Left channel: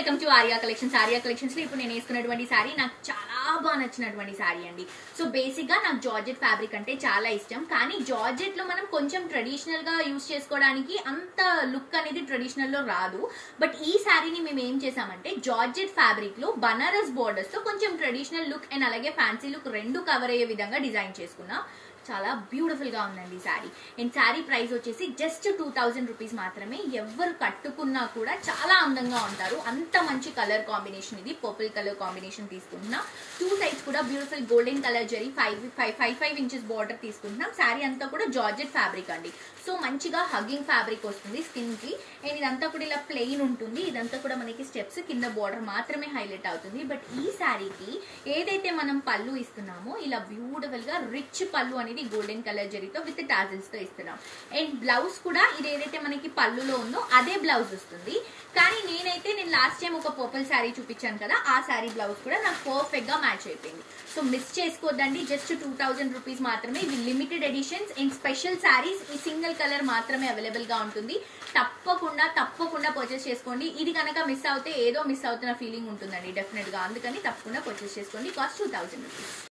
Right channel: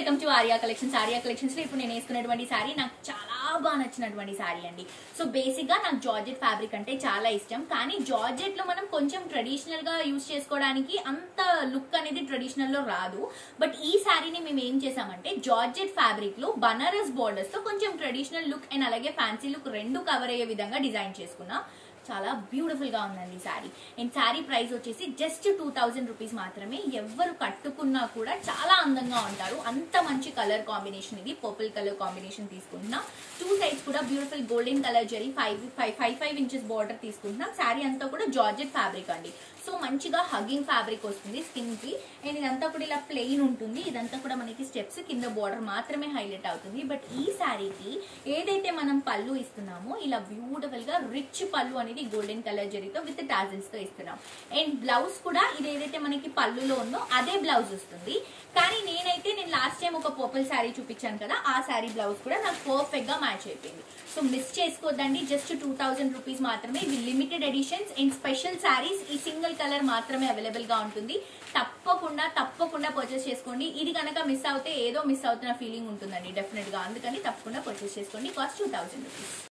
Welcome to Arya collections. Arya collections లో ఇప్పుడు నేను వేసుకున్నటువంటి సారీ నాకు చాలా బాగా నచ్చినటువంటి సారీ అండి. సో బేసిక్ గా నాకు జార్జెట్ ఫ్యాబ్రిక్ అంటే చాలా ఇష్టం, కానీ జార్జెట్ లో మనం కొంచెం ట్రెడిషనల్ గా యూజ్ చేసుకోవడానికి అంత లుక్ అనేది ట్రెడిషనల్ లో రాదు. బట్ ఈ సారీని మేము ఏం చేసామంటే జార్జెట్ ఫ్యాబ్రిక్ లో బనారస్ బోర్డర్స్ తో కొంచెం ట్రెడిషనల్ లుక్ అండ్ అలాగే ఫ్యాన్సీ లుక్ రెండు కవర్ అయ్యే విధంగా డిజైన్ చేసుకున్నాం. చాలా బ్యూటిఫుల్ గా ఉందండి ఈ సారీ. అండ్ సారీ ప్రైస్ వచ్చేసి జస్ట్ 2000 రూపీస్ మాత్రమే. ఎవరు కట్టుకున్నా కూడా చాలా అందంగా ఉంటారు. అంత మంచి కలర్ కాంబినేషన్, ఇది పర్పుల్ కలర్ కాంబినేషన్ తీసుకుంటున్నాం. 2 సైడ్స్ కూడా beautiful golden colour zari 5 inches border తీసుకుంటున్నాం. సారీ అంతా కూడా జార్జెట్ ఫ్యాబ్రిక్ అండి. సో మంచిగా హగ్గింగ్ ఫ్యాబ్రిక్ వస్తుంది స్కిన్ కి. అండ్ ఇదంతా కూడా ఇలా ప్లెయిన్ ఉంటుంది. ఇదంతా కూడా మనకి స్టెప్స్ కింద బార్డర్ మాత్రమే హైలైట్ అవుతుంది. బట్ ఈ సారీకి ఏదైతే మనం పళ్ళు ఇస్తున్నామో ఇలా బ్యూటిఫుల్ గా రిచ్ పళ్ళు అనేది గోల్డెన్ కలర్ జరీతో విత్ టాజిల్స్ తో ఇస్తున్నాం. అండ్ బ్లౌజ్ కూడా ఇది ఏదైతే మనకి పళ్ళులో ఉందో అదే బ్లౌజ్ వస్తుంది. కానీ నేను లాస్ట్ టైం ఒక పర్పుల్ శారీ చూపించాను కదా, ఆ శారీ బ్లౌజ్ కూడా నాకు పర్ఫెక్ట్ గా మ్యాచ్ అయిపోయింది. సో మిస్ చేసుకోవద్దండి, జస్ట్ 2000 రూపీస్ మాత్రమే. ఇవి limited editions and special saris. ఈ సింగిల్ కలర్ మాత్రమే అవైలబుల్ గా ఉంటుంది. తప్పకుండా పర్చేస్ చేసుకోండి. ఇది కనుక మిస్ అవుతే ఏదో మిస్ అవుతున్న ఫీలింగ్ ఉంటుందండి డెఫినెట్ గా. అందుకని తప్పకుండా పర్చేస్ చేసుకోండి. Cost 2000 rupees.